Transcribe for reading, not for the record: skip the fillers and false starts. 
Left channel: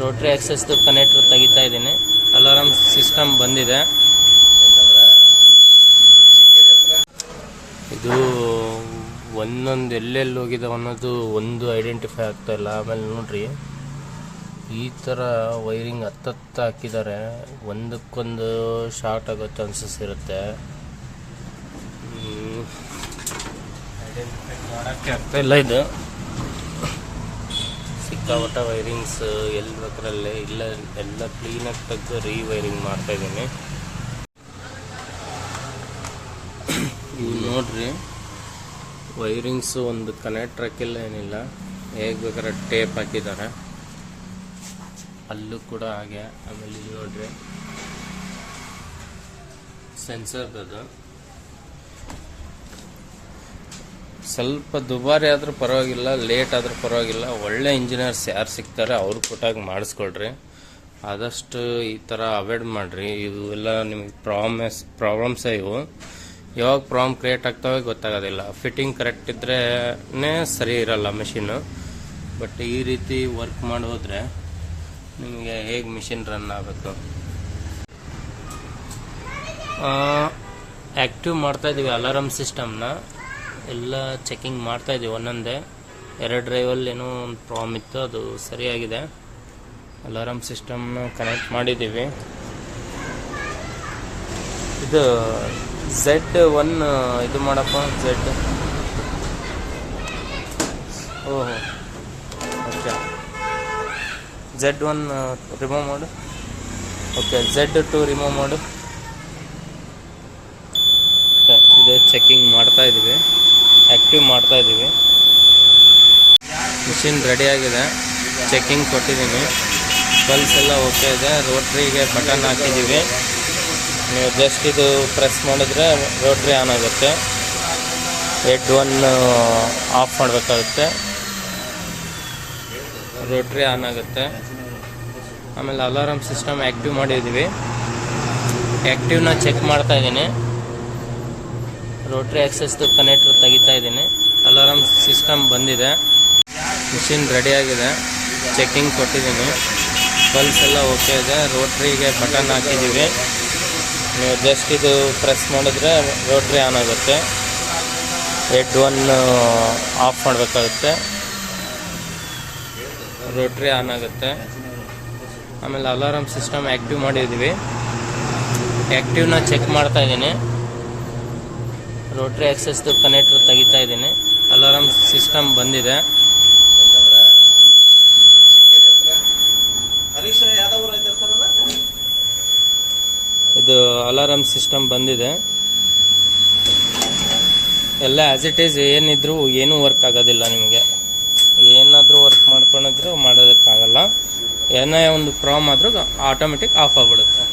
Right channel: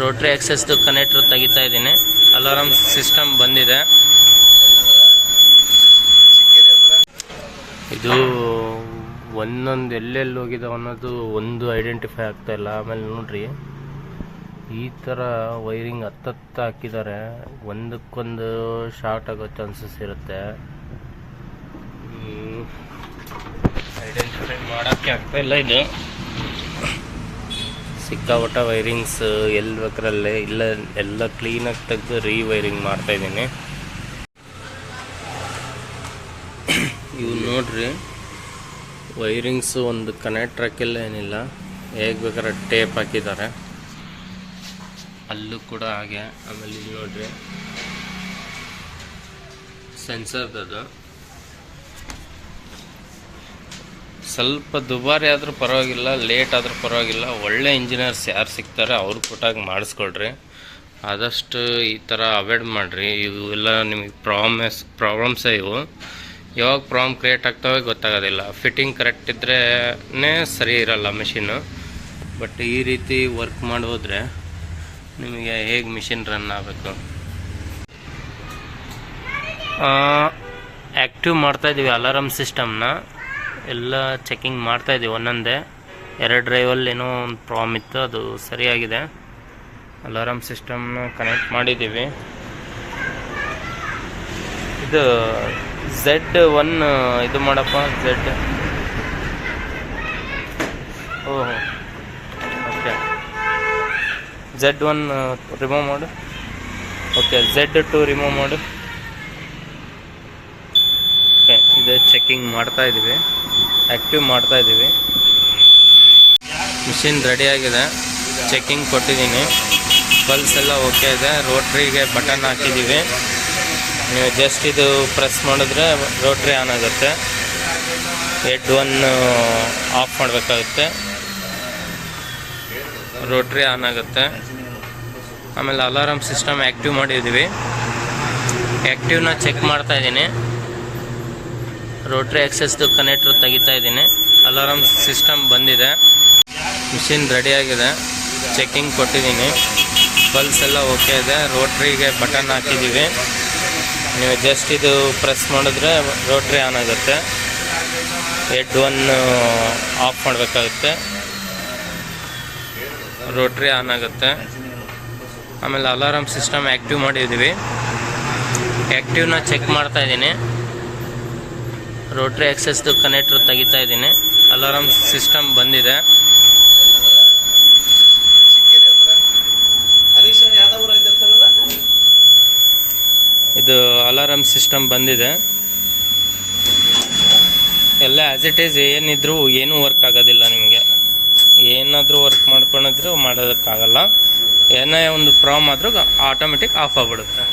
Rotary ಆಕ್ಸೆಸ್ದು connector ತೆಗಿತಾ ಇದ್ದೀನಿ. Alarm system ಬಂದಿದೆ. ಇದು ಒಂದೊಂದು ಎಲ್ಲೆಲ್ಲಿ ಹೋಗಿದೆ ಅನ್ನೋದು ಒಂದು ಐಡೆಂಟಿಫೈ ಆಗ್ತಾ ಇಲ್ಲ. ಆಮೇಲೆ ನೋಡ್ರಿ, ಈ ಥರ ವೈರಿಂಗ್ ಹತ್ತತ್ತು ಹಾಕಿದ್ದಾರೆ. ಒಂದಕ್ಕೊಂದು ಶಾರ್ಟ್ ಆಗೋ ಚಾನ್ಸಸ್ ಇರುತ್ತೆ. ಐಡೆಂಟಿಫೈ ಮಾಡೋಕ್ಕೆ ಆಗ್ತಾ ಇಲ್ಲ. ಇದು ಸಿಕ್ಕಾಪಟ್ಟ ವೈರಿಂಗ್ಸ್ ಎಲ್ಲಿ ಬೇಕರಲ್ಲೇ ಇಲ್ಲ, ಎಲ್ಲ ಕ್ಲೀನಾಗಿ ತೆಗೆದು ರೀವೈರಿಂಗ್ ಮಾಡ್ತಾಯಿದ್ದೀನಿ. ಇವು ನೋಡ್ರಿ, ವೈರಿಂಗ್ಸು ಒಂದು ಕನೆಕ್ಟ್ ಹಾಕಿಲ್ಲ, ಏನಿಲ್ಲ, ಹೇಗೆ ಬೇಕಾದ್ರೆ ಟೇಪ್ ಹಾಕಿದ್ದಾರೆ. ಅಲ್ಲೂ ಕೂಡ ಹಾಗೆ. ಆಮೇಲೆ ಇಲ್ಲಿ ನೋಡ್ರಿ, ಸೆನ್ಸರ್ದದು. ಸ್ವಲ್ಪ ದುಬಾರಿ ಆದರೂ ಪರವಾಗಿಲ್ಲ, ಲೇಟ್ ಆದರೂ ಪರವಾಗಿಲ್ಲ. ಒಳ್ಳೆ ಇಂಜಿನಿಯರ್ಸ್ ಯಾರು ಸಿಗ್ತಾರೆ ಅವ್ರು ಕೊಟ್ಟಾಗ ಮಾಡಿಸ್ಕೊಳ್ರಿ. ಆದಷ್ಟು ಈ ಥರ ಅವಾಯ್ಡ್ ಮಾಡಿರಿ. ಇವು ಎಲ್ಲ ನಿಮಗೆ ಪ್ರಾಬ್ಲಮ್ಸೇ ಇವು. ಯಾವಾಗ ಪ್ರಾಬ್ಲಮ್ ಕ್ರಿಯೇಟ್ ಆಗ್ತವೆ ಗೊತ್ತಾಗೋದಿಲ್ಲ. ಫಿಟ್ಟಿಂಗ್ ಕರೆಕ್ಟ್ ಇದ್ರೇ ಸರಿ ಇರಲ್ಲ ಮಿಷಿನ್ನು. ಬಟ್ ಈ ರೀತಿ ವರ್ಕ್ ಮಾಡಿ ಹೋದರೆ ನಿಮಗೆ ಹೇಗೆ ಮಿಷಿನ್ ರನ್ ಆಗಬೇಕು. ಆ್ಯಕ್ಟಿವ್ ಮಾಡ್ತಾಯಿದ್ದೀವಿ ಅಲಾರಾಮ್ ಸಿಸ್ಟಮ್ನ. ಎಲ್ಲ ಚೆಕಿಂಗ್ ಮಾಡ್ತಾಯಿದ್ದೀವಿ ಒಂದೊಂದೇ. 2 ಡ್ರೈವಲ್ಲಿ ಏನೋ ಒಂದು ಪ್ರಾಬ್ಲಮ್ ಇತ್ತು, ಅದು ಸರಿಯಾಗಿದೆ. ಅಲಾರಾಮ್ ಸಿಸ್ಟಮ್ನ ಕನೆಕ್ಟ್ ಮಾಡಿದ್ದೀವಿ. ಇದು Z1 ಇದು ಮಾಡಪ್ಪ. ಓಹೋ, ಓಕೆ. Z1 ರಿಮೂವ್ ಮಾಡು. ಓಕೆ, Z2 ರಿಮೂವ್ ಮಾಡು. ಓಕೆ, ಇದು ಚೆಕಿಂಗ್ ಮಾಡ್ತಾಯಿದ್ದೀವಿ, ಆ್ಯಕ್ಟಿವ್ ಮಾಡ್ತಾಯಿದ್ದೀವಿ. ಮಿಷಿನ್ ರೆಡಿಯಾಗಿದೆ, ಚೆಕಿಂಗ್ ಕೊಟ್ಟಿದ್ದೀನಿ. ಬಲ್ಸ್ ಎಲ್ಲ ಓಕೆ ಇದೆ. ರೋಟ್ರಿಗೆ ಬಟನ್ ಹಾಕಿದ್ದೀವಿ. ನೀವು ಜಸ್ಟ್ ಇದು ಪ್ರೆಸ್ ಮಾಡಿದ್ರೆ ರೋಟ್ರಿ ಆನ್ ಆಗುತ್ತೆ. ಹೆಡ್ 1 ಆಫ್ ಮಾಡಬೇಕಾಗುತ್ತೆ, ರೋಟ್ರಿ ಆನ್ ಆಗುತ್ತೆ. ಆಮೇಲೆ ಅಲಾರಾಮ್ ಸಿಸ್ಟಮ್ ಆ್ಯಕ್ಟಿವ್ ಮಾಡಿದ್ದೀವಿ. ಆ್ಯಕ್ಟಿವ್ನ ಚೆಕ್ ಮಾಡ್ತಾಯಿದ್ದೀನಿ. ರೋಟ್ರಿ ಆಕ್ಸೆಸ್ದು ಕನೆಕ್ಟರ್ ತೆಗಿತಾ ಇದ್ದೀನಿ. ಅಲಾರಾಮ್ ಸಿಸ್ಟಮ್ ಬಂದಿದೆ. ಮಿಷಿನ್ ರೆಡಿಯಾಗಿದೆ, ಚೆಕಿಂಗ್ ಕೊಟ್ಟಿದ್ದೀನಿ. ಬಲ್ಸ್ ಎಲ್ಲ ಓಕೆ ಇದೆ. ರೋಟ್ರಿಗೆ ಬಟನ್ ಹಾಕಿದ್ದೀವಿ. ನೀವು ಜಸ್ಟ್ ಇದು ಪ್ರೆಸ್ ಮಾಡಿದ್ರೆ ರೋಟ್ರಿ ಆನ್ ಆಗುತ್ತೆ. ಹೆಡ್ 1 ಆಫ್ ಮಾಡಬೇಕಾಗುತ್ತೆ, ರೋಟ್ರಿ ಆನ್ ಆಗುತ್ತೆ. ಆಮೇಲೆ ಅಲಾರಾಮ್ ಸಿಸ್ಟಮ್ ಆ್ಯಕ್ಟಿವ್ ಮಾಡಿದ್ದೀವಿ. ಆ್ಯಕ್ಟಿವ್ನ ಚೆಕ್ ಮಾಡ್ತಾಯಿದ್ದೀನಿ. ರೋಟ್ರಿ ಆಕ್ಸೆಸ್ದು ಕನೆಕ್ಟರ್ ತೆಗಿತಾ ಇದ್ದೀನಿ. ಅಲಾರಾಮ್ ಸಿಸ್ಟಮ್ ಬಂದಿದೆ. ಇದು ಅಲಾರಾಮ್ ಸಿಸ್ಟಮ್ ಬಂದಿದೆ. ಎಲ್ಲ ಆ್ಯಸ್ ಇಟ್ ಈಸ್ ಏನಿದ್ರು ಏನೂ ವರ್ಕ್ ಆಗೋದಿಲ್ಲ. ನಿಮಗೆ ಏನಾದರೂ ವರ್ಕ್ ಮಾಡ್ಕೊಂಡಿದ್ರು ಮಾಡೋದಕ್ಕಾಗಲ್ಲ. ಏನೇ ಒಂದು ಪ್ರಾಬ್ಲಮ್ ಆದರೂ ಆಟೋಮೆಟಿಕ್ ಆಫ್ ಆಗಿಬಿಡುತ್ತೆ.